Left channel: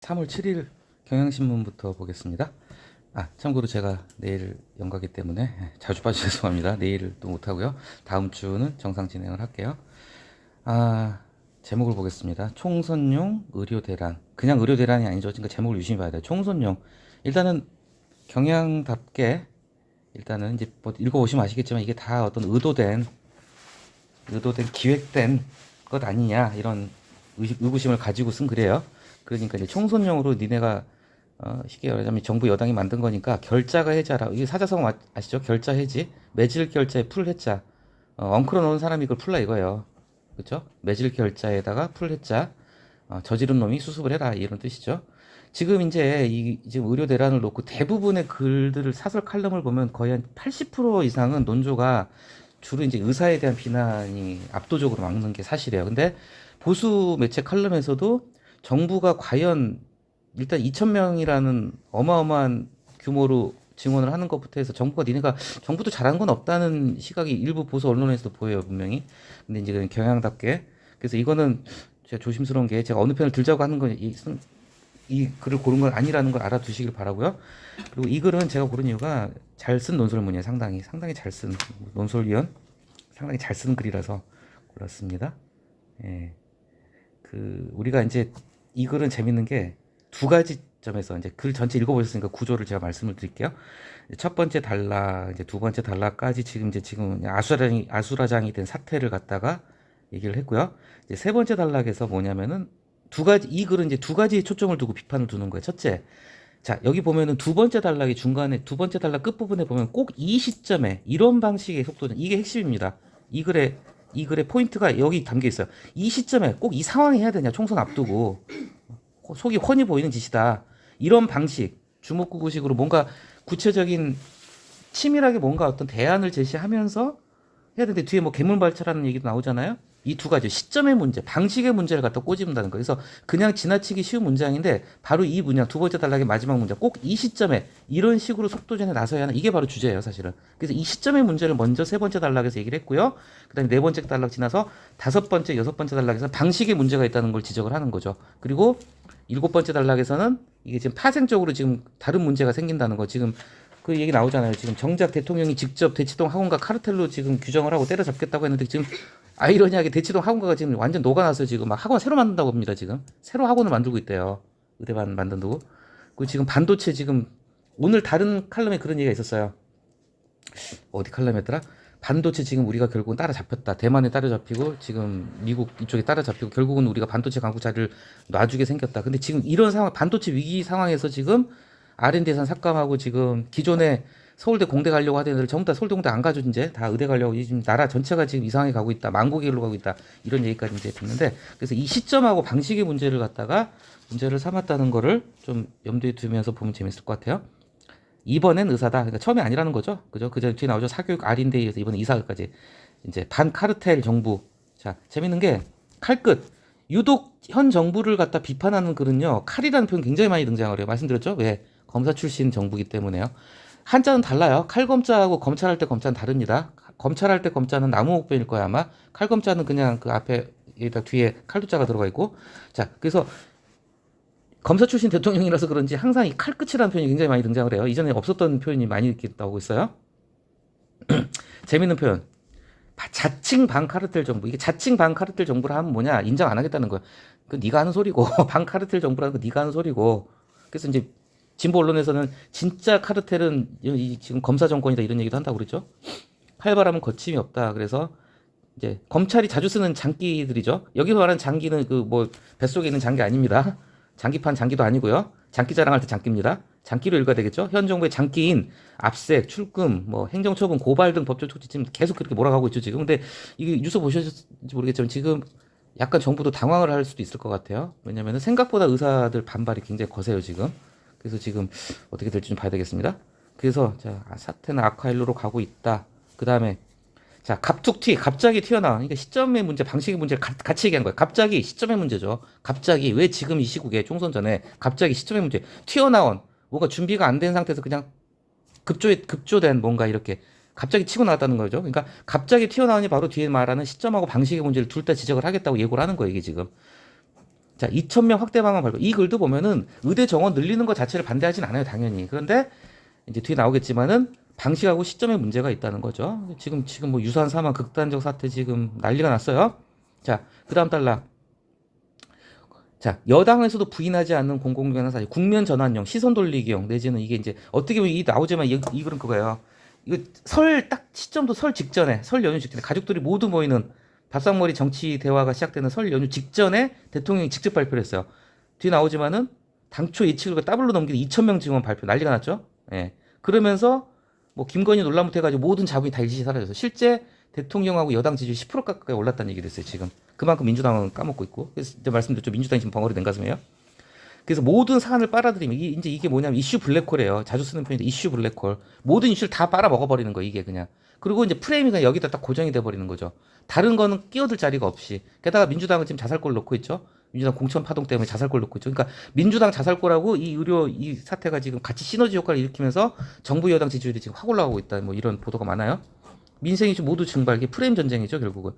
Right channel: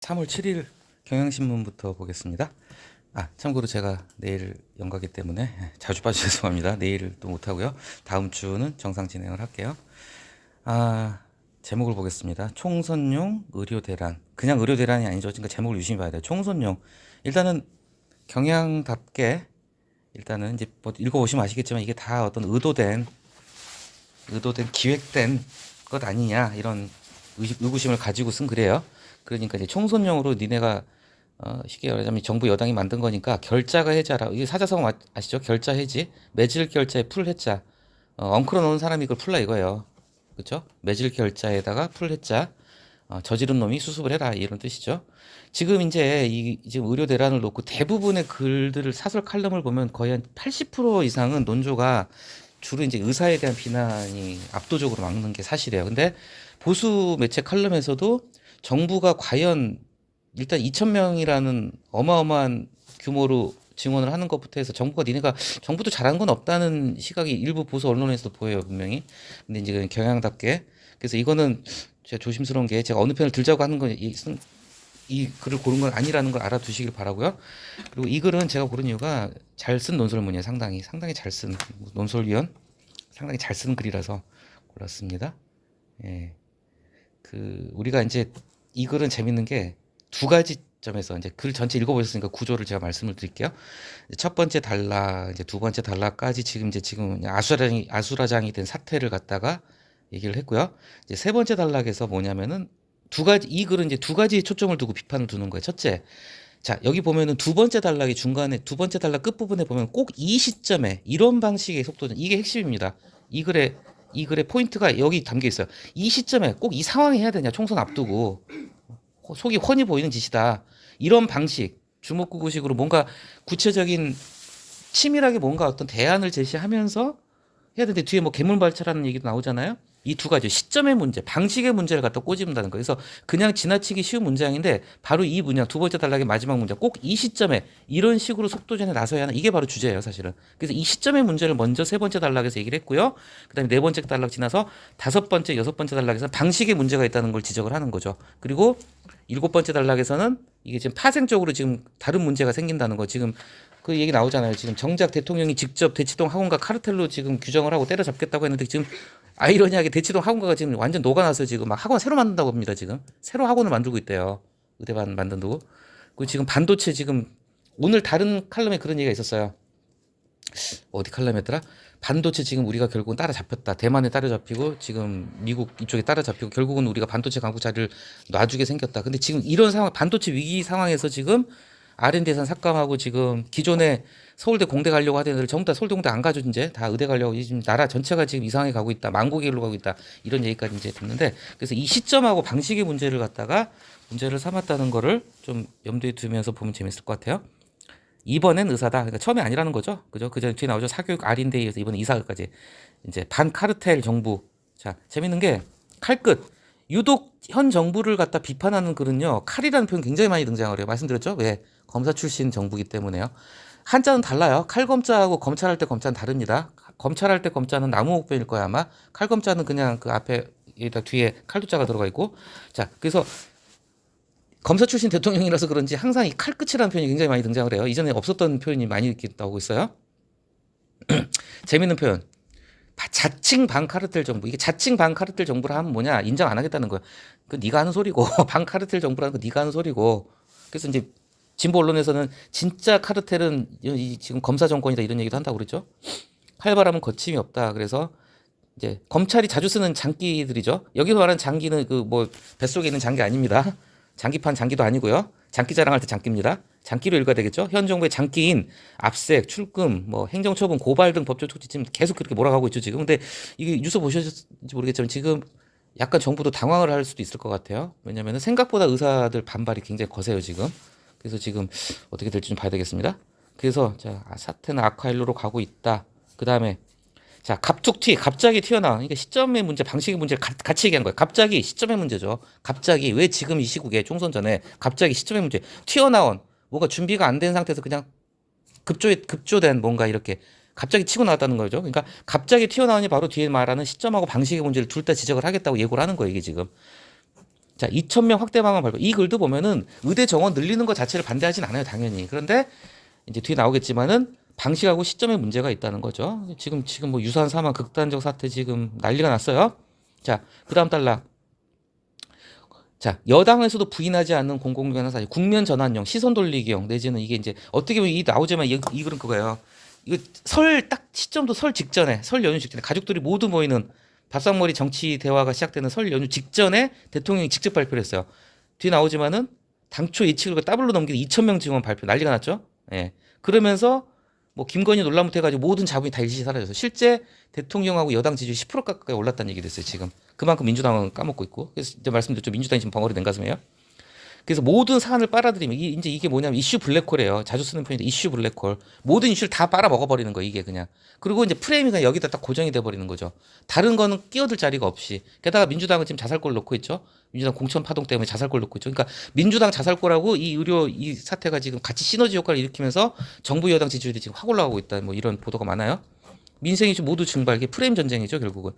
3월 7일 경향신문부터 보겠습니다. 참고로 제가 내일 연가기 때문에 자주 봐주셔서 죄송합니다. 내일도 못하고요. 다음 주는 정상 진행을 할게요. 제목을 보겠습니다. 총선용 의료대란. 그냥 의료대란이 아니죠. 그러니까 제목을 유심히 봐야 돼요. 총선용. 일단은 경향답게 일단은 이제 뭐 읽어보시면 아시겠지만 이게 다 어떤 의도된 기획된 것 아니냐 이런 의구심을 가지고 쓴 글이에요. 그러니까 이제 총선용으로 니네가 쉽게 말하자면 정부 여당이 만든 거니까 결자가 해자라. 이게 사자성어 아시죠? 결자 해지. 매질 결자에 풀 해자. 엉클어 놓은 사람이 이걸 풀라 이거예요. 그렇죠? 매질 결자에다가 풀 해자. 저지른 놈이 수습을 해라 이런 뜻이죠. 지금 이제 지금 의료 대란을 놓고 대부분의 글들을 사설 칼럼을 보면 거의 한 80% 이상은 논조가 주로 이제 의사에 대한 비난이 압도적으로 막는 게 사실이에요. 근데 보수 매체 칼럼에서도 정부가 과연 일단 2,000명이라는 어마어마한 규모로 증언을 하는 것부터 해서 니네가 정부도 잘한 건 없다는 시각이 일부 보수 언론에서도 보여요, 분명히. 근데 이제 경향답게. 그래서 이거는 제가 조심스러운 게 제가 어느 편을 들자고 하는 건 이 글을 고른 건 아니라는 걸 알아두시길 바라고요. 그리고 이 글은 제가 고른 이유가 잘 쓴 논설문이에요. 상당히 잘 쓴 논설위원 상당히 잘 쓴 글이라서 골랐습니다. 예. 우리가 이제 이 글은 재밌는 게 두 가지 점에서 이제 글 전체 읽어보셨으니까 구조를 제가 말씀을 드릴게요. 첫 번째 단락, 이제 두 번째 단락까지 지금 아수라장이 된 사태를 갖다가 얘기를 했고요. 이제 세 번째 단락에서 뭐냐면은 이 글은 이제 두 가지 초점을 두고 비판을 두는 거예요. 첫째, 자, 여기 보면은 두 번째 단락이 중간에 두 번째 단락 끝부분에 보면 꼭 이 시점에 이런 방식의 속도는 이게 핵심입니다. 이 글의 포인트가 여기 담겨 있어요. 이 시점에 꼭 이 상황이 해야 되냐? 총선 앞두고 속이 훤히 보이는 짓이다. 이런 방식, 주먹구구식으로 뭔가 구체적인 치밀하게 뭔가 어떤 대안을 제시하면서 해야 되는데 뒤에 뭐 괴물발차라는 얘기도 나오잖아요. 이 두 가지 시점의 문제, 방식의 문제를 갖다 꼬집는다는 거예요. 그래서 그냥 지나치기 쉬운 문장인데 바로 이 문장 두 번째 단락의 마지막 문장 꼭 이 시점에 이런 식으로 속도전에 나서야 하는 이게 바로 주제예요, 사실은. 그래서 이 시점의 문제를 먼저 세 번째 단락에서 얘기를 했고요. 그다음에 네 번째 단락 지나서 다섯 번째, 여섯 번째 단락에서 방식의 문제가 있다는 걸 지적을 하는 거죠. 그리고 일곱 번째 단락에서는 이게 지금 파생적으로 지금 다른 문제가 생긴다는 거. 지금 그 얘기 나오잖아요. 지금 정작 대통령이 직접 대치동 학원가 카르텔로 지금 규정을 하고 때려잡겠다고 했는데 지금 아이러니하게 대치동 학원가가 지금 완전 녹아나서 지금 막 학원 새로 만든다고 합니다. 지금 새로 학원을 만들고 있대요. 의대반 만든다고. 그 지금 반도체 지금 오늘 다른 칼럼에 그런 얘기가 있었어요. 어디 칼럼이었더라? 반도체 지금 우리가 결국은 따라잡혔다. 대만에 따라잡히고 지금 미국 이쪽에 따라잡히고 결국은 우리가 반도체 강국 자리를 놔주게 생겼다. 근데 지금 이런 상황, 반도체 위기 상황에서 지금 R&D 예산 삭감하고 지금 기존에 서울대 공대 가려고 하던 애들 전부 다 서울대 공대 안 가죠. 이제 다 의대 가려고 지금 나라 전체가 지금 이상하게 가고 있다. 망국의 길로 가고 있다. 이런 얘기까지 이제 듣는데 그래서 이 시점하고 방식의 문제를 갖다가 문제를 삼았다는 거를 좀 염두에 두면서 보면 재밌을 것 같아요. 이번엔 의사다. 그러니까 처음에 아니라는 거죠. 그죠? 그전 뒤에 나오죠. 사교육 R인데이에서 이번에 이사까지 이제 반카르텔 정부. 자, 재밌는 게 칼끝. 유독 현 정부를 갖다 비판하는 글은요. 칼이라는 표현 굉장히 많이 등장을 해요. 말씀드렸죠? 왜? 검사 출신 정부기 때문에요. 한자는 달라요. 칼검자하고 검찰할 때 검자는 다릅니다. 검찰할 때 검자는 나무 목변일 거야 아마. 칼검자는 그냥 그 앞에 여기다 뒤에 칼도자가 들어가 있고. 자, 그래서 검사 출신 대통령이라서 그런지 항상 이 칼끝이라는 표현이 굉장히 많이 등장을 해요. 이전에 없었던 표현이 많이 이렇게 나오고 있어요. 재밌는 표현. 자칭 반카르텔 정부. 이게 자칭 반카르텔 정부라 하면 뭐냐? 인정 안 하겠다는 거야. 그 네가 하는 소리고 반카르텔 정부라는 거 네가 하는 소리고. 그래서 이제 진보 언론에서는 진짜 카르텔은 지금 검사 정권이다 이런 얘기도 한다고 그랬죠. 칼바람은 거침이 없다. 그래서 이제 검찰이 자주 쓰는 장기들이죠. 여기서 말하는 장기는 그 뭐 뱃속에 있는 장기 아닙니다. 장기판 장기도 아니고요. 장기 자랑할 때 장기입니다. 장기로 읽어야 되겠죠. 현 정부의 장기인 압색, 출금, 뭐 행정처분, 고발 등 법적 조치 지금 계속 그렇게 몰아가고 있죠 지금. 근데 이게 뉴스 보셨는지 모르겠지만 지금 약간 정부도 당황을 할 수도 있을 것 같아요. 왜냐하면 생각보다 의사들 반발이 굉장히 거세요 지금. 그래서 지금 어떻게 될지 좀 봐야 되겠습니다. 그래서 자, 사태는 악화일로로 가고 있다. 그 다음에 자, 갑자기 튀어나온, 이게 시점의 문제, 방식의 문제를 같이 얘기한 거예요. 갑자기 시점의 문제죠. 갑자기, 왜 지금 이 시국에, 총선 전에, 갑자기 시점의 문제, 튀어나온, 뭐가 준비가 안 된 상태에서 그냥 급조된 뭔가 이렇게, 갑자기 치고 나왔다는 거죠. 그러니까, 갑자기 튀어나오니 바로 뒤에 말하는 시점하고 방식의 문제를 둘 다 지적을 하겠다고 예고를 하는 거예요, 이게 지금. 자, 2,000명 확대 방안 발표. 이 글도 보면은 의대 정원 늘리는 것 자체를 반대하진 않아요, 당연히. 그런데 이제 뒤에 나오겠지만은 방식하고 시점에 문제가 있다는 거죠. 지금 뭐 유사한 사망, 극단적 사태 지금 난리가 났어요. 자, 그다음 달라. 자, 여당에서도 부인하지 않는 공공기관 사실 국면 전환용, 시선 돌리기용 내지는 이게 이제 어떻게 보면 이 나오지만 이 글은 그거예요. 이거 설 딱 시점도 설 직전에, 설 연휴 직전에 가족들이 모두 모이는 밥상머리 정치 대화가 시작되는 설 연휴 직전에 대통령이 직접 발표를 했어요. 뒤에 나오지만은 당초 예측을 더블로 넘기는 2,000명 증원 발표 난리가 났죠. 예. 그러면서 뭐 김건희 논란부터 해가지고 모든 자본이 다 일시 사라져서 실제 대통령하고 여당 지지율 10% 가까이 올랐다는 얘기를 했어요. 지금 그만큼 민주당은 까먹고 있고. 그래서 이제 말씀드렸죠. 민주당이 지금 벙어리 된 가슴이에요. 그래서 모든 사안을 빨아들이면 이제 이게 뭐냐면 이슈 블랙홀이에요. 자주 쓰는 표현인데 이슈 블랙홀. 모든 이슈를 다 빨아 먹어버리는 거 이게 그냥. 그리고 이제 프레임이 그냥 여기다 딱 고정이 돼버리는 거죠. 다른 거는 끼어들 자리가 없이. 게다가 민주당은 지금 자살골 놓고 있죠. 민주당 공천 파동 때문에 자살골 놓고 있죠. 그러니까 민주당 자살골하고 이 의료 이 사태가 지금 같이 시너지 효과를 일으키면서 정부 여당 지지율이 지금 확 올라가고 있다. 뭐 이런 보도가 많아요. 민생 이슈 모두 증발. 이게 프레임 전쟁이죠 결국은.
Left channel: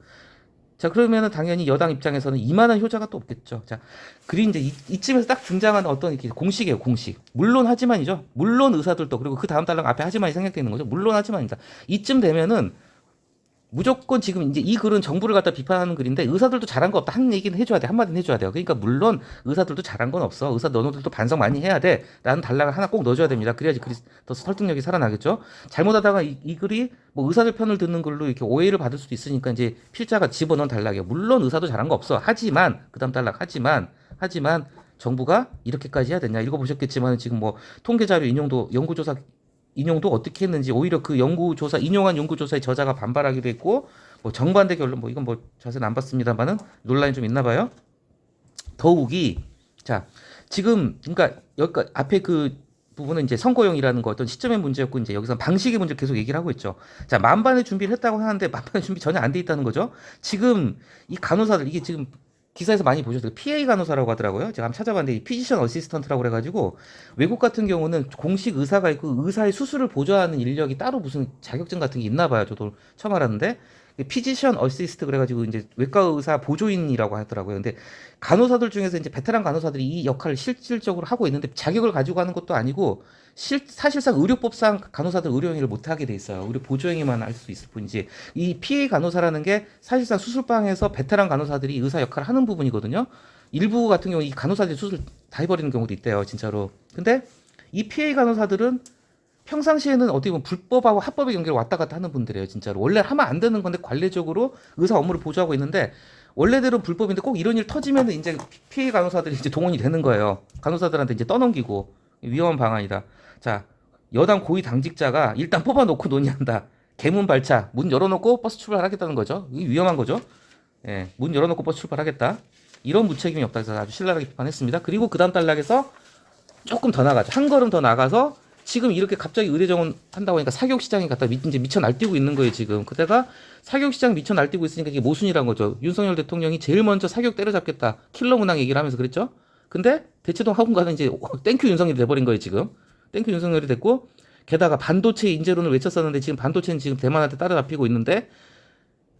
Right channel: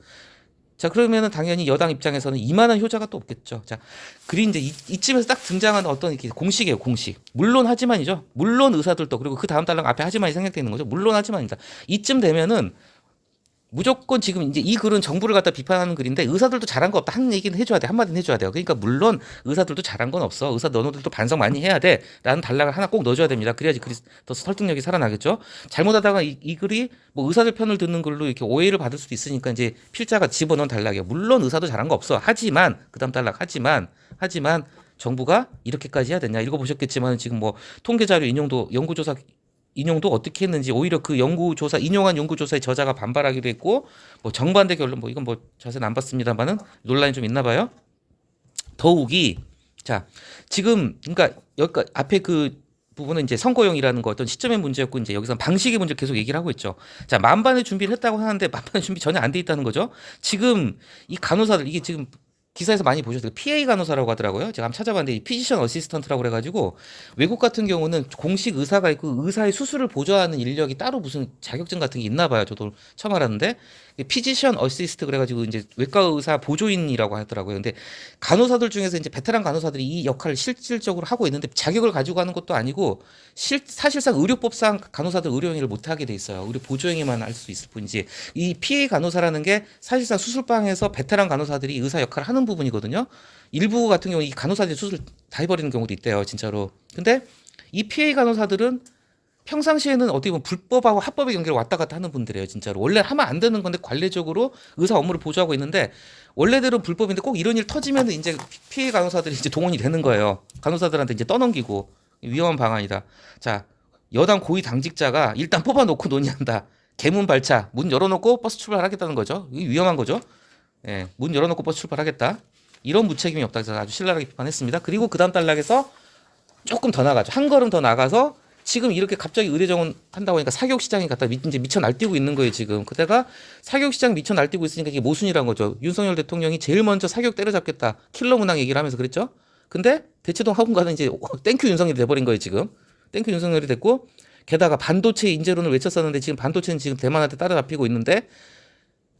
자, 그러면은 당연히 여당 입장에서는 이만한 효자가 또 없겠죠. 자, 그리 이제 이쯤에서 딱 등장하는 어떤 이렇게 공식이에요, 공식. 물론 하지만이죠. 물론 의사들도 그리고 그 다음 달랑 앞에 하지만이 생략되는 거죠. 물론 하지만이다. 이쯤 되면은 무조건 지금 이제 이 글은 정부를 갖다 비판하는 글인데 의사들도 잘한 거 없다 한 얘기는 해줘야 돼 한마디는 해줘야 돼요. 그러니까 물론 의사들도 잘한 건 없어. 의사 너네들도 반성 많이 해야 돼라는 단락을 하나 꼭 넣어줘야 됩니다. 그래야지 글이 더 설득력이 살아나겠죠. 잘못하다가 이 글이 뭐 의사들 편을 듣는 글로 이렇게 오해를 받을 수도 있으니까 이제 필자가 집어넣은 단락이에요. 물론 의사도 잘한 거 없어. 하지만 그다음 단락 하지만 정부가 이렇게까지 해야 되냐 읽어보셨겠지만 지금 뭐 통계 자료 인용도 연구조사 인용도 어떻게 했는지 오히려 그 연구조사 인용한 연구조사의 저자가 반발하기도 했고 뭐 정반대 결론 뭐 이건 뭐 자세는 안 봤습니다만은 논란이 좀 있나 봐요. 더욱이 자 지금 그러니까 여기 앞에 그 부분은 이제 선거용이라는 거 어떤 시점의 문제였고 이제 여기서 방식의 문제를 계속 얘기를 하고 있죠. 자 만반의 준비를 했다고 하는데 만반의 준비 전혀 안 돼 있다는 거죠. 지금 이 간호사들 이게 지금 기사에서 많이 보셨어요. PA 간호사라고 하더라고요. 제가 한번 찾아봤는데 이 피지션 어시스턴트라고 그래가지고 외국 같은 경우는 공식 의사가 있고 의사의 수술을 보조하는 인력이 따로 무슨 자격증 같은 게 있나 봐요. 저도 처음 알았는데 피지션 어시스트 그래가지고 이제 외과 의사 보조인이라고 하더라고요. 근데 간호사들 중에서 이제 베테랑 간호사들이 이 역할을 실질적으로 하고 있는데 자격을 가지고 하는 것도 아니고 사실상 의료법상 간호사들 의료행위를 못 하게 돼 있어요. 의료 보조행위만 할 수 있을 뿐이지 이 PA 간호사라는 게 사실상 수술방에서 베테랑 간호사들이 의사 역할을 하는 부분이거든요. 일부 같은 경우 이 간호사들이 수술 다 해버리는 경우도 있대요, 진짜로. 근데 이 PA 간호사들은 평상시에는 어떻게 보면 불법하고 합법의 경계를 왔다 갔다 하는 분들이에요, 진짜로. 원래 하면 안 되는 건데 관례적으로 의사 업무를 보조하고 있는데 원래대로 불법인데 꼭 이런 일 터지면 이제 피해 간호사들이 이제 동원이 되는 거예요. 간호사들한테 이제 떠넘기고 위험한 방안이다. 자, 여당 고위 당직자가 일단 뽑아놓고 논의한다. 개문 발차, 문 열어놓고 버스 출발하겠다는 거죠. 이게 위험한 거죠. 예, 문 열어놓고 버스 출발하겠다. 이런 무책임이 없다 해서 아주 신랄하게 비판했습니다. 그리고 그 다음 단락에서 조금 더 나가죠. 한 걸음 더 나가서 지금 이렇게 갑자기 의대 정원 한다고 하니까 사교육 시장이 갖다 이제 미쳐 날뛰고 있는 거예요, 지금. 그때가 사교육 시장 미쳐 날뛰고 있으니까 이게 모순이란 거죠. 윤석열 대통령이 제일 먼저 사교육 때려잡겠다. 킬러 문항 얘기를 하면서 그랬죠. 근데 대치동 학원가는 이제 땡큐 윤석열이 돼버린 거예요, 지금. 땡큐 윤석열이 됐고 게다가 반도체 인재론을 외쳤었는데 지금 반도체는 지금 대만한테 따라잡히고 있는데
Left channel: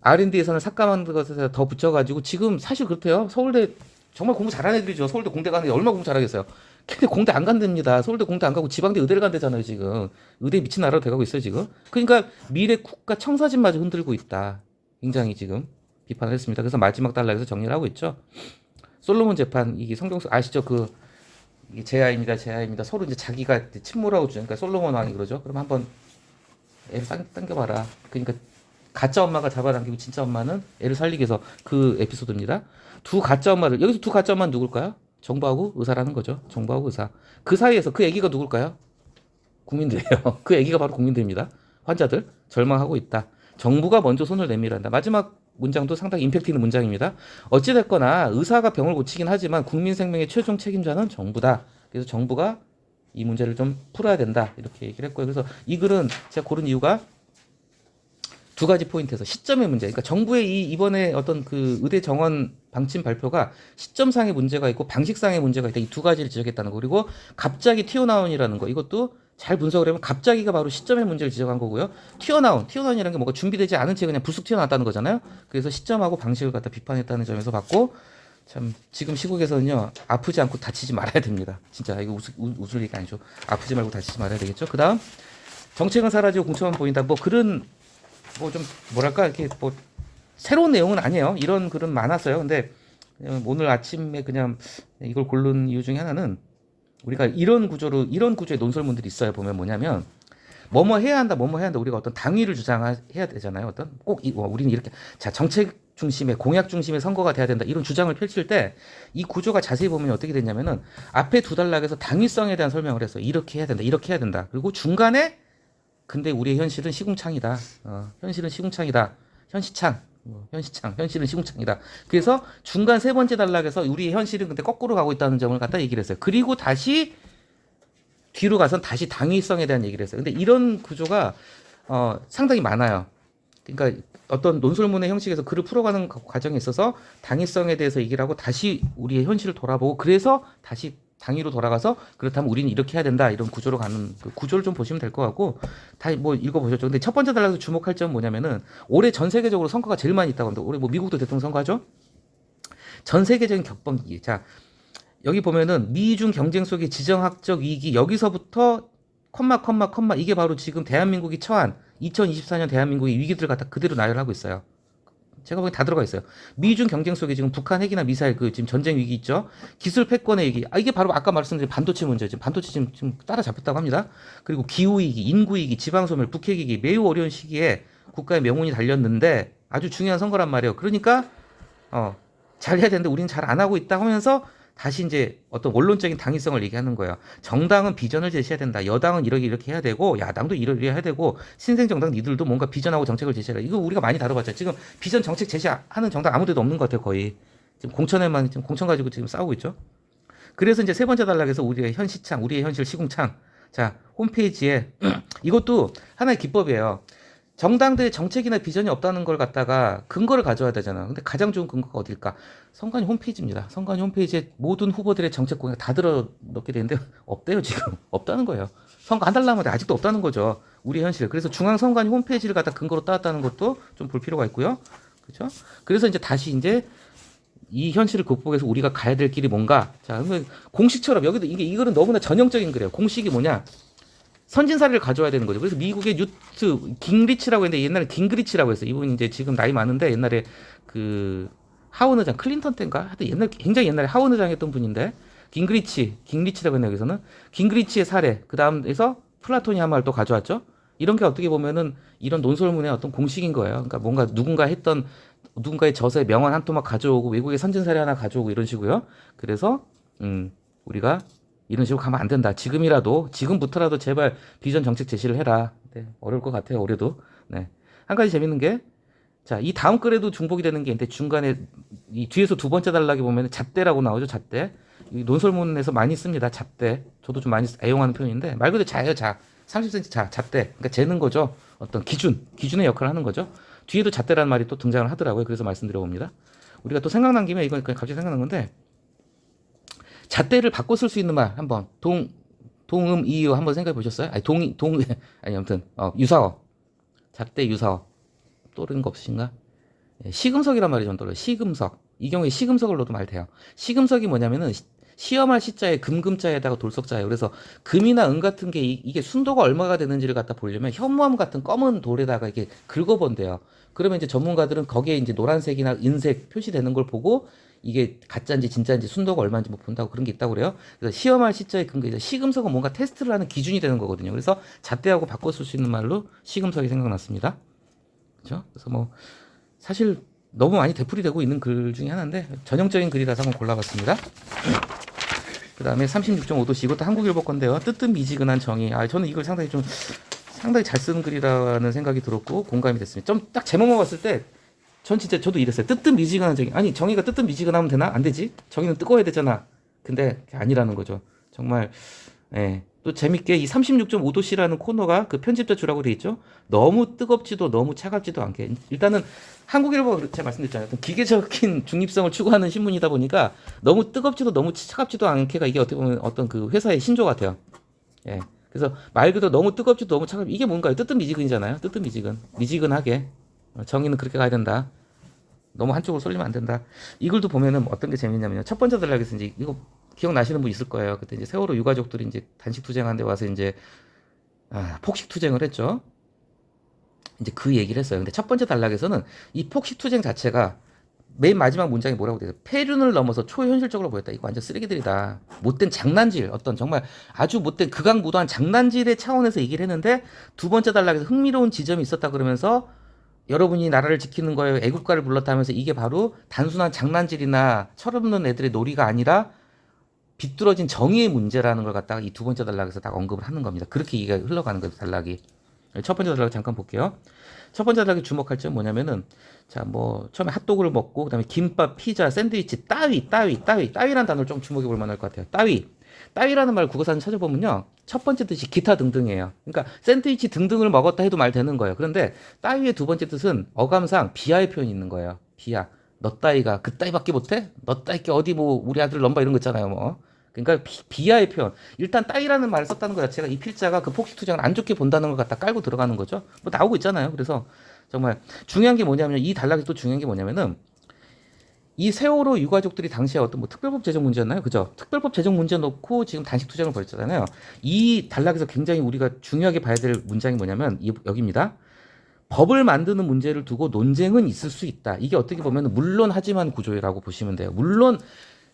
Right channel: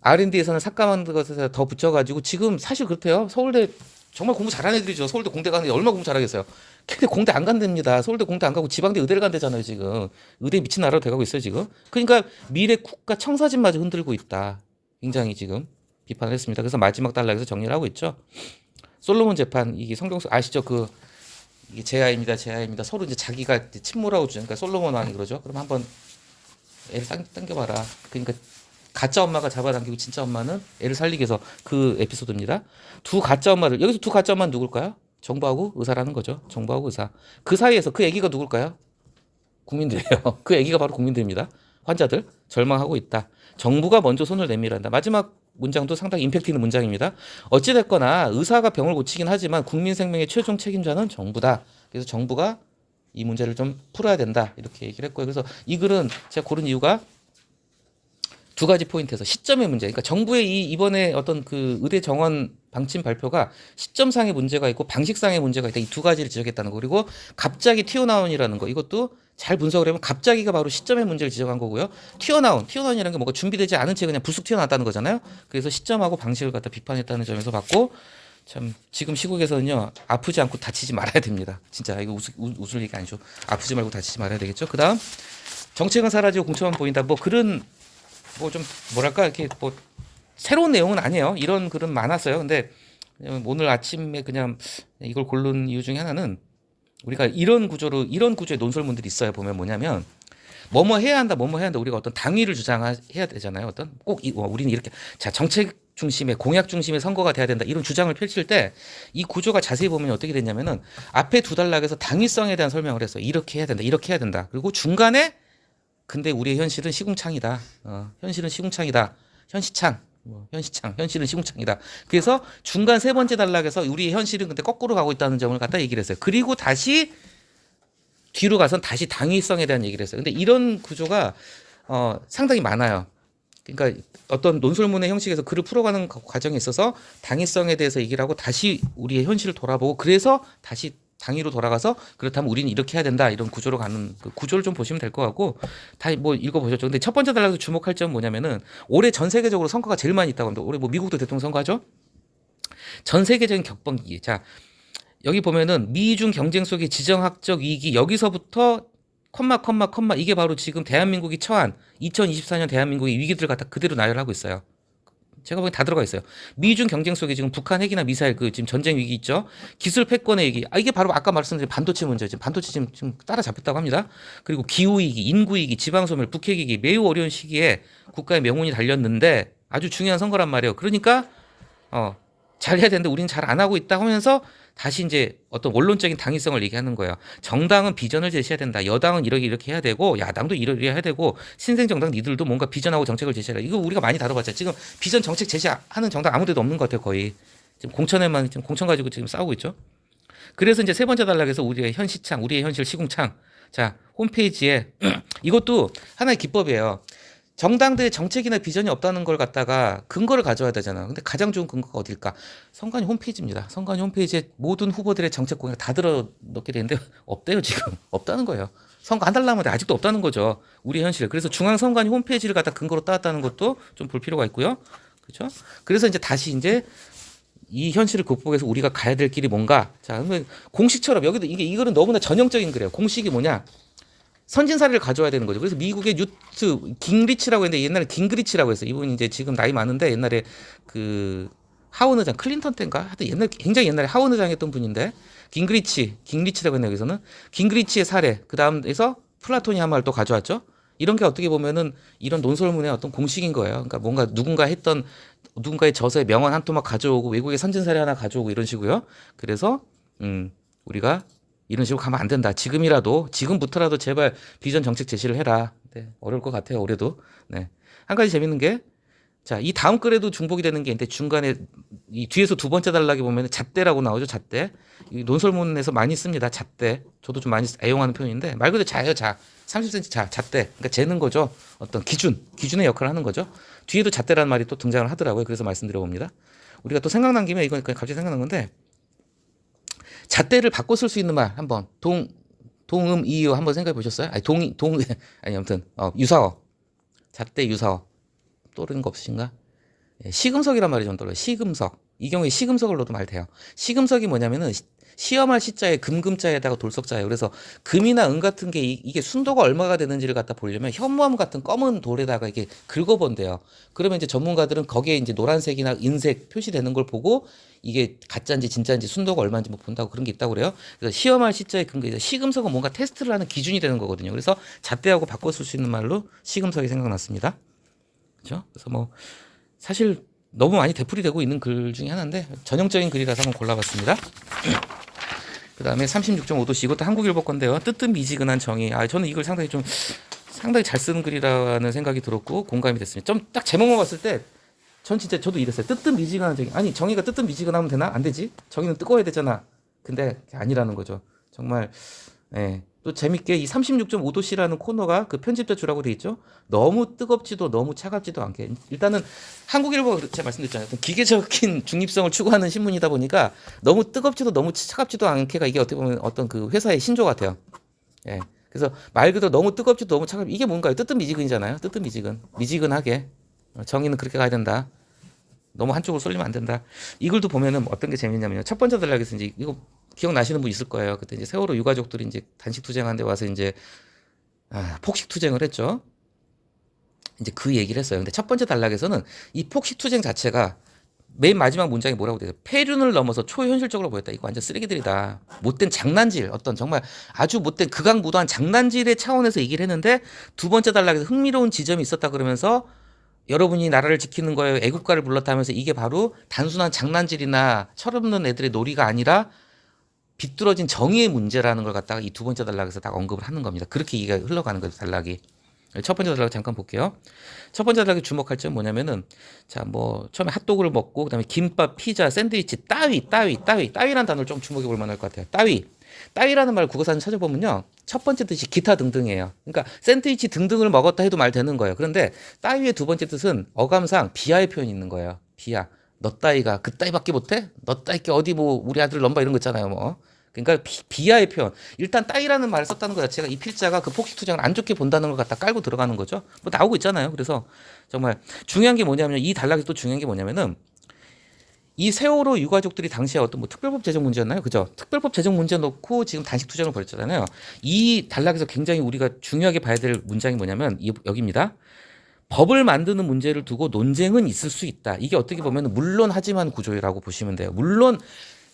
R&D 예산을 삭감하는 것에 더 붙여가지고 지금 사실 그렇대요. 서울대 정말 공부 잘하는 애들이죠. 서울대 공대 가는데 얼마나 공부 잘하겠어요. 근데 공대 안 간답니다. 서울대 공대 안 가고 지방대 의대를 간대잖아요, 지금. 의대 미친 나라로 돼가고 있어요, 지금. 그러니까 미래 국가 청사진마저 흔들고 있다. 굉장히 지금 비판을 했습니다. 그래서 마지막 단락에서 정리를 하고 있죠. 솔로몬 재판, 이게 성경서 아시죠? 이게 제 아입니다. 서로 이제 자기가 이제 침몰하고 주니까 그러니까 솔로몬 왕이 그러죠. 그럼 한번 애를 당겨봐라. 그러니까 가짜 엄마가 잡아당기고 진짜 엄마는 애를 살리기 위해서 그 에피소드입니다. 두 가짜 엄마들, 여기서 두 가짜 엄마는 누굴까요? 정부하고 의사라는 거죠. 정부하고 의사. 그 사이에서 그 애기가 누굴까요? 국민들이에요. 그 애기가 바로 국민들입니다. 환자들 절망하고 있다. 정부가 먼저 손을 내밀한다. 마지막 문장도 상당히 임팩트 있는 문장입니다. 어찌됐거나 의사가 병을 고치긴 하지만 국민 생명의 최종 책임자는 정부다. 그래서 정부가 이 문제를 좀 풀어야 된다. 이렇게 얘기를 했고요. 그래서 이 글은 제가 고른 이유가 두 가지 포인트에서 시점의 문제. 그러니까 정부의 이번에 어떤 그 의대 정원 방침 발표가 시점상의 문제가 있고 방식상의 문제가 있다. 이 두 가지를 지적했다는 거. 그리고 갑자기 튀어나온이라는 거. 이것도 잘 분석을 해보면 갑자기가 바로 시점의 문제를 지적한 거고요. 튀어나온이라는 게 뭔가 준비되지 않은 채 그냥 불쑥 튀어나왔다는 거잖아요. 그래서 시점하고 방식을 갖다 비판했다는 점에서 봤고 참 지금 시국에서는요 아프지 않고 다치지 말아야 됩니다. 진짜 이거 웃을 얘기 아니죠. 아프지 말고 다치지 말아야 되겠죠. 그다음 정책은 사라지고 공천만 보인다. 뭐 그런 뭐 좀 뭐랄까 이렇게 뭐 새로운 내용은 아니에요. 이런 글은 많았어요. 근데 오늘 아침에 그냥 이걸 고른 이유 중에 하나는 우리가 이런 구조의 논설문들이 있어요. 보면 뭐냐면 뭐뭐 해야 한다, 뭐뭐 해야 한다. 우리가 어떤 당위를 주장해야 되잖아요. 어떤 우리는 이렇게 자 정책 중심의 공약 중심의 선거가 돼야 된다. 이런 주장을 펼칠 때 이 구조가 자세히 보면 어떻게 됐냐면은 앞에 두 단락에서 당위성에 대한 설명을 했어요. 이렇게 해야 된다, 이렇게 해야 된다. 그리고 중간에 근데 우리의 현실은 시궁창이다. 현실은 시궁창이다. 현시창. 현실은 시궁창이다. 그래서 중간 세 번째 단락에서 우리의 현실은 근데 거꾸로 가고 있다는 점을 갖다 얘기를 했어요. 그리고 다시 뒤로 가선 다시 당위성에 대한 얘기를 했어요. 근데 이런 구조가 상당히 많아요. 그러니까 어떤 논술문의 형식에서 글을 풀어가는 과정에 있어서 당위성에 대해서 얘기를 하고 다시 우리의 현실을 돌아보고 그래서 다시 당위로 돌아가서 그렇다면 우리는 이렇게 해야 된다 이런 구조로 가는 그 구조를 좀 보시면 될 것 같고 다 뭐 읽어보셨죠. 근데 첫 번째 단락에서 주목할 점은 뭐냐면은 올해 전 세계적으로 선거가 제일 많이 있다고 합니다. 올해 뭐 미국도 대통령 선거하죠. 전 세계적인 격번기. 자 여기 보면은 미중 경쟁 속의 지정학적 위기 여기서부터 컴마 이게 바로 지금 대한민국이 처한 2024년 대한민국의 위기들을 갖다 그대로 나열하고 있어요. 제가 보기엔 다 들어가 있어요. 미중 경쟁 속에 지금 북한 핵이나 미사일 그 지금 전쟁 위기 있죠. 기술 패권의 위기. 이게 바로 아까 말씀드린 반도체 문제. 지금 반도체 지금 따라잡혔다고 합니다. 그리고 기후 위기, 인구 위기, 지방 소멸, 북핵 위기 매우 어려운 시기에 국가의 명운이 달렸는데 아주 중요한 선거란 말이에요. 그러니까 잘 해야 되는데 우리는 잘 안 하고 있다 하면서 다시 이제 어떤 원론적인 당위성을 얘기하는 거예요. 정당은 비전을 제시해야 된다. 여당은 이렇게 해야 되고 야당도 이렇게 해야 되고 신생 정당 니들도 뭔가 비전하고 정책을 제시해라. 이거 우리가 많이 다뤄봤잖아요. 지금 비전 정책 제시하는 정당 아무데도 없는 것 같아요. 거의 지금 공천 가지고 지금 싸우고 있죠. 그래서 이제 세 번째 단락에서 우리의 현시창, 우리의 현실 시궁창. 자 홈페이지에 이것도 하나의 기법이에요. 정당들의 정책이나 비전이 없다는 걸 갖다가 근거를 가져야 되잖아. 근데 가장 좋은 근거가 어딜까? 선관위 홈페이지입니다. 선관위 홈페이지에 모든 후보들의 정책 공약 다 들어 넣게 되는데 없대요 지금. 없다는 거예요. 선거 한 달 남았는데 아직도 없다는 거죠. 우리 현실. 그래서 중앙선관위 홈페이지를 갖다 근거로 따왔다는 것도 좀 볼 필요가 있고요. 그렇죠? 그래서 이제 다시 이제 이 현실을 극복해서 우리가 가야 될 길이 뭔가? 자, 그러면 공식처럼 여기도 이거는 너무나 전형적인 거예요. 공식이 뭐냐? 선진사를 가져와야 되는 거죠. 그래서 미국의 뉴트 깅리치라고 했는데 옛날에 깅그리치라고 했어요. 이분이 이제 지금 나이 많은데 옛날에 그 하원 의장 클린턴 때인가 하여튼 굉장히 옛날에 하원 의장 했던 분인데 깅리치라고 했네요. 여기서는 깅그리치의 사례 그 다음에서 플라토니 한 말을 또 가져왔죠. 이런 게 어떻게 보면은 이런 논설문의 어떤 공식인 거예요. 그러니까 뭔가 누군가의 저서의 명언 한 토막 가져오고 외국의 선진 사례 하나 가져오고 이런 식으로요. 그래서 우리가 이런 식으로 가면 안 된다. 지금부터라도 제발 비전 정책 제시를 해라. 네, 어려울 것 같아요. 올해도. 네. 한 가지 재밌는 게, 자, 이 다음 글에도 중복이 되는 게 있는데 중간에 이 뒤에서 두 번째 단락에 보면 잣대라고 나오죠. 잣대. 이 논설문에서 많이 씁니다. 잣대. 저도 좀 많이 애용하는 편인데 말 그대로 자예요. 자. 30cm 잣대. 그러니까 재는 거죠. 어떤 기준의 역할을 하는 거죠. 뒤에도 잣대라는 말이 또 등장을 하더라고요. 그래서 말씀드려 봅니다. 우리가 또 생각난 김에 이건 그냥 갑자기 생각난 건데. 잣대를 바꿔 쓸 수 있는 말 한번 동음 이유 한번 생각해 보셨어요? 아니 아니 아무튼 유사어 잣대 유사어 떠오르는 거 없으신가? 예, 시금석이란 말이 좀 떠올라요. 시금석 이 경우에 시금석을 넣어도 말 돼요. 시금석이 뭐냐면은 시험할 시자에 금금자에다가 돌석자예요. 그래서 금이나 은 같은 게 이게 순도가 얼마가 되는지를 갖다 보려면 현무암 같은 검은 돌에다가 이게 긁어본대요. 그러면 이제 전문가들은 거기에 이제 노란색이나 은색 표시되는 걸 보고 이게 가짜인지 진짜인지 순도가 얼마인지 뭐 본다고 그런 게 있다고 그래요. 그래서 시험할 시자에 근거해서 시금석은 뭔가 테스트를 하는 기준이 되는 거거든요. 그래서 잣대하고 바꿔 쓸 수 있는 말로 시금석이 생각났습니다. 그렇죠? 그래서 뭐 사실 너무 많이 되풀이되고 있는 글 중에 하나인데 전형적인 글이라서 한번 골라봤습니다. 그 다음에 36.5도씨 이것도 한국일보 건데요. 뜨뜻미지근한 정의. 저는 이걸 상당히 잘 쓰는 글이라는 생각이 들었고 공감이 됐습니다. 좀 딱 제목만 봤을 때 전 진짜 저도 이랬어요. 뜨뜻미지근한 정의. 아니 정의가 뜨뜻미지근하면 되나? 안 되지. 정의는 뜨거워야 되잖아. 근데 아니라는 거죠. 정말 예. 또 재밌게 이 36.5도씨라는 코너가 그 편집자 주라고 돼 있죠. 너무 뜨겁지도 너무 차갑지도 않게. 일단은 한국일보가 제가 말씀드렸잖아요. 기계적인 중립성을 추구하는 신문이다 보니까 너무 뜨겁지도 너무 차갑지도 않게가 이게 어떻게 보면 어떤 그 회사의 신조 같아요. 예. 그래서 말 그대로 너무 뜨겁지도 너무 이게 뭔가요? 뜨뜻미지근이잖아요. 뜨뜻미지근. 미지근하게. 정의는 그렇게 가야 된다. 너무 한쪽으로 쏠리면 안 된다. 이 글도 보면은 어떤 게 재밌냐면요. 첫 번째 단락에서 이제 이거 기억나시는 분 있을 거예요. 그때 이제 세월호 유가족들이 이제 단식 투쟁하는데 와서 이제 폭식 투쟁을 했죠. 이제 그 얘기를 했어요. 근데 첫 번째 단락에서는 이 폭식 투쟁 자체가 맨 마지막 문장이 뭐라고 돼요? 폐륜을 넘어서 초현실적으로 보였다. 이거 완전 쓰레기들이다. 못된 장난질, 어떤 정말 아주 못된 극악무도한 장난질의 차원에서 얘기를 했는데 두 번째 단락에서 흥미로운 지점이 있었다 그러면서 여러분이 나라를 지키는 거에 애국가를 불렀다 하면서 이게 바로 단순한 장난질이나 철없는 애들의 놀이가 아니라 비뚤어진 정의의 문제라는 걸 갖다가 이 두 번째 단락에서 딱 언급을 하는 겁니다. 그렇게 얘기가 흘러가는 거죠, 단락이. 첫 번째 단락 잠깐 볼게요. 첫 번째 단락에 주목할 점은 뭐냐면은 자 뭐 처음에 핫도그를 먹고 그다음에 김밥, 피자, 샌드위치, 따위라는 단어를 좀 주목해 볼 만할 것 같아요. 따위라는 말 국어사전 찾아보면요 첫 번째 뜻이 기타 등등이에요. 그러니까 샌드위치 등등을 먹었다 해도 말 되는 거예요. 그런데 따위의 두 번째 뜻은 어감상 비하의 표현이 있는 거예요. 비하. 너 따위가 그 따위밖에 못해? 너 따위 게 어디 뭐 우리 아들 넘봐 이런 거 있잖아요. 뭐 그러니까 비하의 표현. 일단 따위라는 말을 썼다는 것 자체가 이 필자가 그 폭식 투쟁을 안 좋게 본다는 걸 갖다 깔고 들어가는 거죠. 뭐 나오고 있잖아요. 그래서 정말 중요한 게 뭐냐면 이 단락에서 또 중요한 게 뭐냐면은 이 세월호 유가족들이 당시에 어떤 뭐 특별법 제정 문제였나요? 그죠? 특별법 제정 문제 놓고 지금 단식 투쟁을 벌였잖아요. 이 단락에서 굉장히 우리가 중요하게 봐야 될 문장이 뭐냐면 여기입니다. 법을 만드는 문제를 두고 논쟁은 있을 수 있다. 이게 어떻게 보면 물론 하지만 구조라고 보시면 돼요. 물론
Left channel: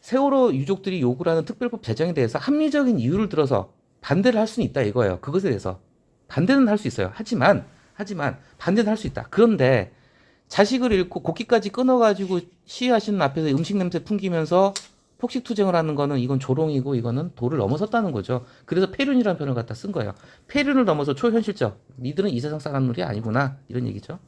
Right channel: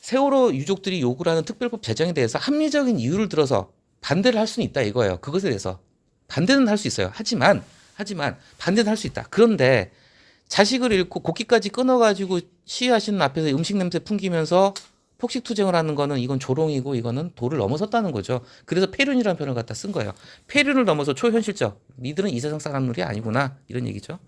세월호 유족들이 요구를 하는 특별법 제정에 대해서 합리적인 이유를 들어서 반대를 할 수는 있다 이거예요. 그것에 대해서 반대는 할 수 있어요. 하지만 반대는 할 수 있다. 그런데 자식을 잃고 곡기까지 끊어가지고 시위하시는 앞에서 음식 냄새 풍기면서 폭식 투쟁을 하는 거는 이건 조롱이고 이거는 도를 넘어섰다는 거죠. 그래서 폐륜이라는 표현을 갖다 쓴 거예요. 폐륜을 넘어서 초현실적. 니들은 이 세상 사람들이 아니구나 이런 얘기죠.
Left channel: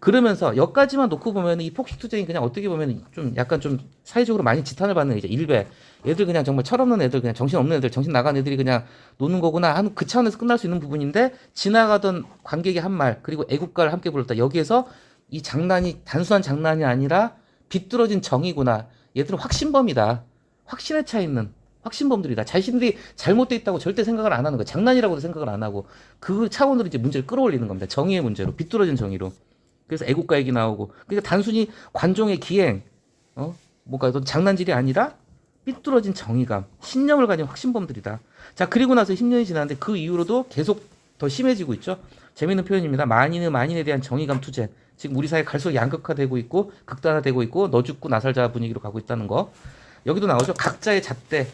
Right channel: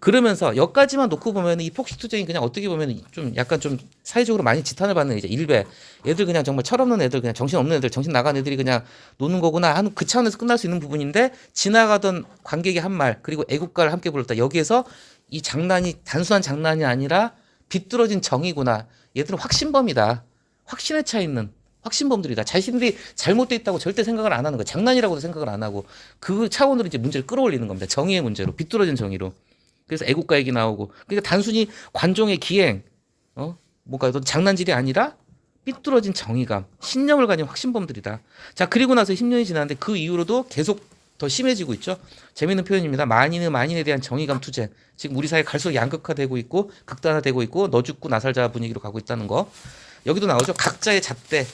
그러면서 여기까지만 놓고 보면 이 폭식 투쟁이 그냥 어떻게 보면 좀 약간 좀 사회적으로 많이 지탄을 받는 이제 일배 애들 그냥 정말 철없는 애들 그냥 정신 없는 애들 정신 나간 애들이 그냥 노는 거구나 하는 그 차원에서 끝날 수 있는 부분인데 지나가던 관객의 한 말 그리고 애국가를 함께 불렀다 여기에서 이 장난이 단순한 장난이 아니라 비뚤어진 정의구나 얘들은 확신범이다 확신에 차 있는 확신범들이다 자신들이 잘못돼 있다고 절대 생각을 안 하는 거 장난이라고도 생각을 안 하고 그 차원으로 이제 문제를 끌어올리는 겁니다 정의의 문제로 비뚤어진 정의로 그래서 애국가 얘기 나오고 그러니까 단순히 관종의 기행 뭔가 어떤 장난질이 아니라 삐뚤어진 정의감 신념을 가진 확신범들이다 자 그리고 나서 10년이 지났는데 그 이후로도 계속 더 심해지고 있죠 재미있는 표현입니다 만인은 만인에 대한 정의감 투쟁 지금 우리 사회 갈수록 양극화되고 있고 극단화되고 있고 너 죽고 나 살자 분위기로 가고 있다는 거 여기도 나오죠 각자의 잣대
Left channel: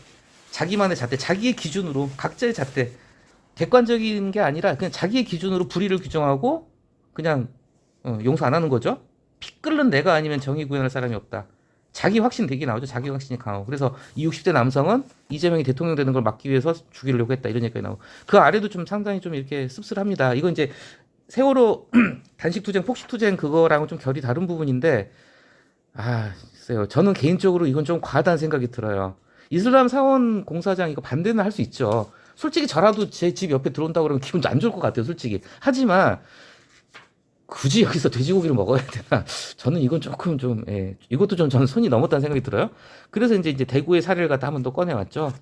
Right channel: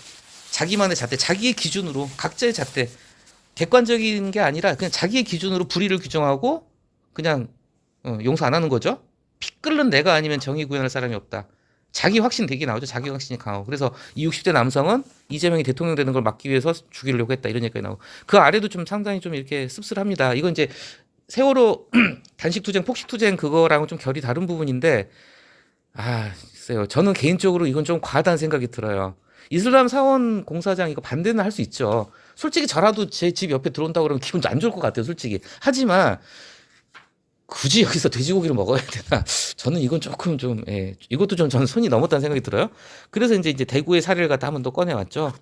자기만의 잣대 자기의 기준으로 각자의 잣대 객관적인 게 아니라 그냥 자기의 기준으로 불의를 규정하고 그냥 용서 안 하는 거죠. 피 끓는 내가 아니면 정의 구현할 사람이 없다. 자기 확신 되게 나오죠. 자기 확신이 강하고. 그래서 이 60대 남성은 이재명이 대통령 되는 걸 막기 위해서 죽이려고 했다. 이런 얘기가 나오고. 그 아래도 좀 상당히 좀 이렇게 씁쓸합니다. 이건 이제 세월호 단식 투쟁, 폭식 투쟁 그거랑은 좀 결이 다른 부분인데 글쎄요. 저는 개인적으로 이건 좀 과하다는 생각이 들어요. 이슬람 사원 공사장 이거 반대는 할 수 있죠. 솔직히 저라도 제 집 옆에 들어온다고 그러면 기분 안 좋을 것 같아요. 솔직히. 하지만 굳이 여기서 돼지고기를 먹어야 되나? 저는 이건 조금 좀, 이것도 좀 저는 손이 넘었다는 생각이 들어요. 그래서 이제 대구의 사례를 갖다 한 번 더 꺼내왔죠.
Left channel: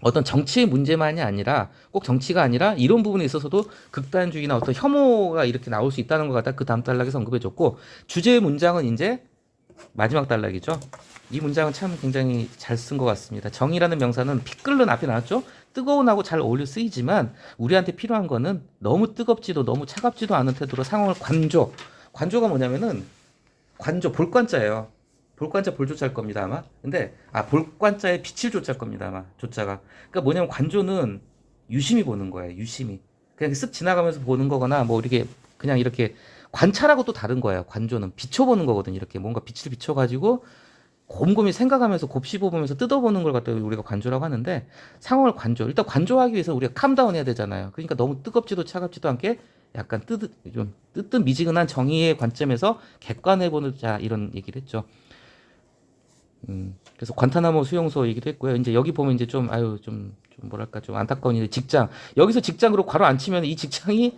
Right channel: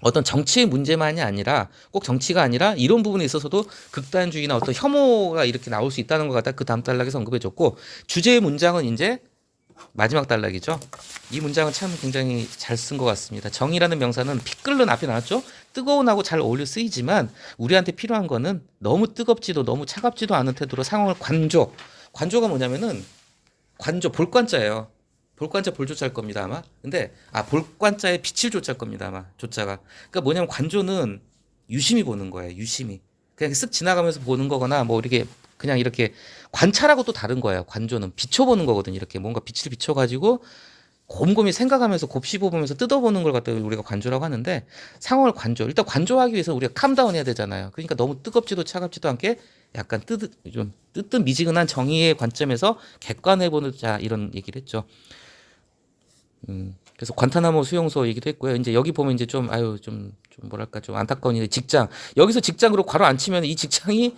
어떤 정치의 문제만이 아니라 꼭 정치가 아니라 이런 부분에 있어서도 극단주의나 어떤 혐오가 이렇게 나올 수 있다는 것 같다. 그 다음 단락에서 언급해줬고 주제의 문장은 이제 마지막 단락이죠. 이 문장은 참 굉장히 잘 쓴 것 같습니다. 정의라는 명사는 피 끓는 앞에 나왔죠. 뜨거운하고 잘 어울려 쓰이지만 우리한테 필요한 거는 너무 뜨겁지도 너무 차갑지도 않은 태도로 상황을 관조가 뭐냐면은 관조 볼관자예요. 볼관자 볼조자일 겁니다 아마. 근데 볼관자에 빛을 조자일 겁니다 아마 조자가. 그러니까 뭐냐면 관조는 유심히 보는 거예요. 유심히 그냥 쓱 지나가면서 보는 거거나 뭐 이렇게 그냥 이렇게 관찰하고 또 다른 거예요. 관조는 비춰보는 거거든요. 이렇게 뭔가 빛을 비춰가지고 곰곰이 생각하면서 곱씹어보면서 뜯어보는 걸 갖다 우리가 관조라고 하는데 상황을 일단 관조하기 위해서 우리가 캄다운 해야 되잖아요. 그러니까 너무 뜨겁지도 차갑지도 않게 약간 좀 뜨뜻미지근한 정의의 관점에서 객관해보자 이런 얘기를 했죠. 그래서 관타나모 수용소 얘기도 했고요. 이제 여기 보면 이제 좀 뭐랄까 좀 안타까운 일이 직장 여기서 직장으로 괄호 안 치면 이 직장이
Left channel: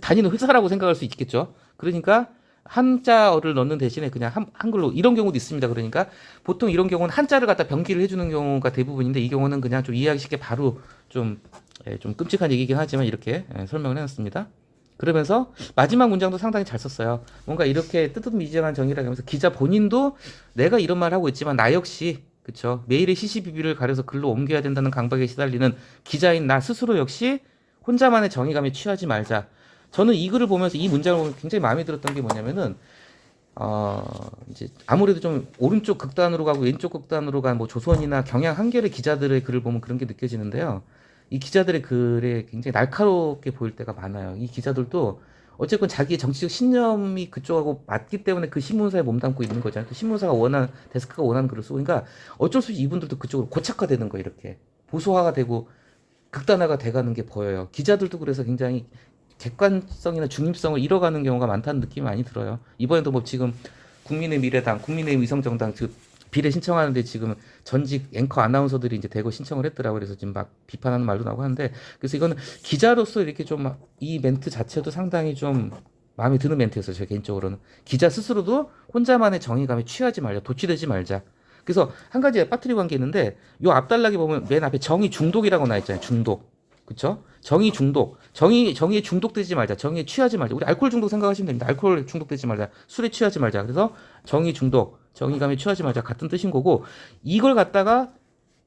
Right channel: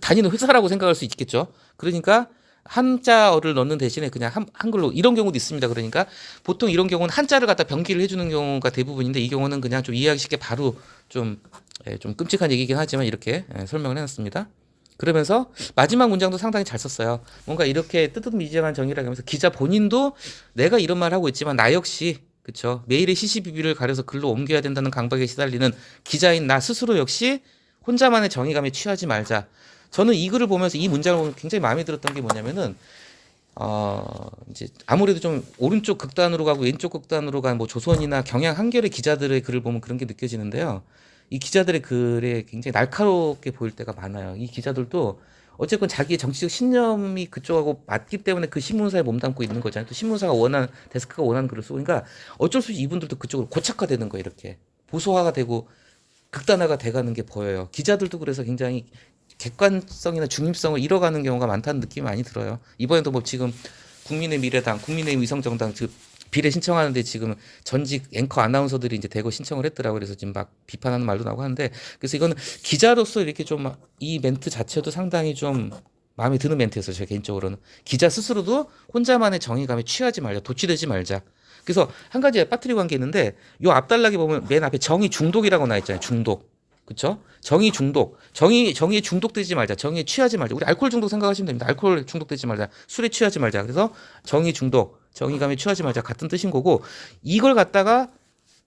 다니는 회사라고 생각할 수 있겠죠. 그러니까 한자어를 넣는 대신에 그냥 한글로 이런 경우도 있습니다. 그러니까 보통 이런 경우는 한자를 갖다 병기를 해주는 경우가 대부분인데 이 경우는 그냥 좀 이해하기 쉽게 바로 좀 끔찍한 얘기긴 하지만 이렇게 설명을 해놨습니다. 그러면서 마지막 문장도 상당히 잘 썼어요. 뭔가 이렇게 뜨뜻미지근한 정의라고 하면서 기자 본인도 내가 이런 말 하고 있지만 나 역시 그쵸 매일의 시시비비를 가려서 글로 옮겨야 된다는 강박에 시달리는 기자인 나 스스로 역시 혼자만의 정의감에 취하지 말자. 저는 이 글을 보면서 이 문장을 보면 굉장히 마음에 들었던 게 뭐냐면은 이제 아무래도 좀 오른쪽 극단으로 가고 왼쪽 극단으로 간 뭐 조선이나 경향 한겨레 기자들의 글을 보면 그런 게 느껴지는데요. 이 기자들의 글에 굉장히 날카롭게 보일 때가 많아요. 이 기자들도 어쨌건 자기의 정치적 신념이 그쪽하고 맞기 때문에 그 신문사에 몸담고 있는 거잖아요. 또 신문사가 원하는 데스크가 원하는 글을 쓰고 그러니까 어쩔 수 없이 이분들도 그쪽으로 고착화되는 거예요. 이렇게 보수화가 되고 극단화가 돼가는 게 보여요. 기자들도 그래서 굉장히 객관성이나 중립성을 잃어가는 경우가 많다는 느낌이 많이 들어요. 이번에도 뭐 지금 국민의 미래당, 국민의힘 위성정당 즉 비례 신청하는데 지금 전직 앵커 아나운서들이 이제 대거 신청을 했더라고요. 그래서 지금 막 비판하는 말도 나오고 하는데 그래서 이거는 기자로서 이렇게 좀 이 멘트 자체도 상당히 좀 마음에 드는 멘트였어요. 제 개인적으로는 기자 스스로도 혼자만의 정의감에 취하지 말자, 도취되지 말자. 그래서 한 가지 빠뜨리고 한 게 있는데 요 앞단락에 보면 맨 앞에 정의 중독이라고 나와 있잖아요. 중독. 그쵸? 정의 중독. 정의에 중독되지 말자. 정의에 취하지 말자. 우리 알코올 중독 생각하시면 됩니다. 알코올 중독되지 말자. 술에 취하지 말자. 그래서 정의 중독, 정의감에 취하지 말자. 같은 뜻인 거고 이걸 갖다가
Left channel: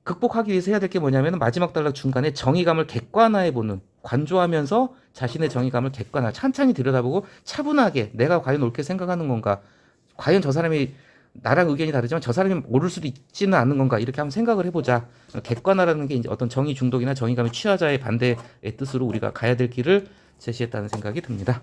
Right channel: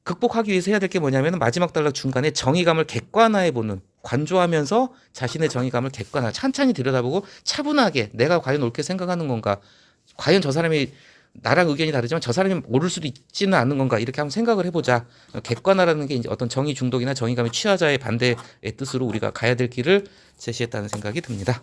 극복하기 위해서 해야 될 게 뭐냐면 마지막 단락 중간에 정의감을 객관화해 보는 관조하면서 자신의 정의감을 객관화 찬찬히 들여다보고 차분하게 내가 과연 옳게 생각하는 건가 과연 저 사람이 나랑 의견이 다르지만 저 사람이 모를 수도 있지는 않는 건가 이렇게 한번 생각을 해보자. 객관화라는 게 이제 어떤 정의 중독이나 정의감에 취하자의 반대의 뜻으로 우리가 가야 될 길을 제시했다는 생각이 듭니다.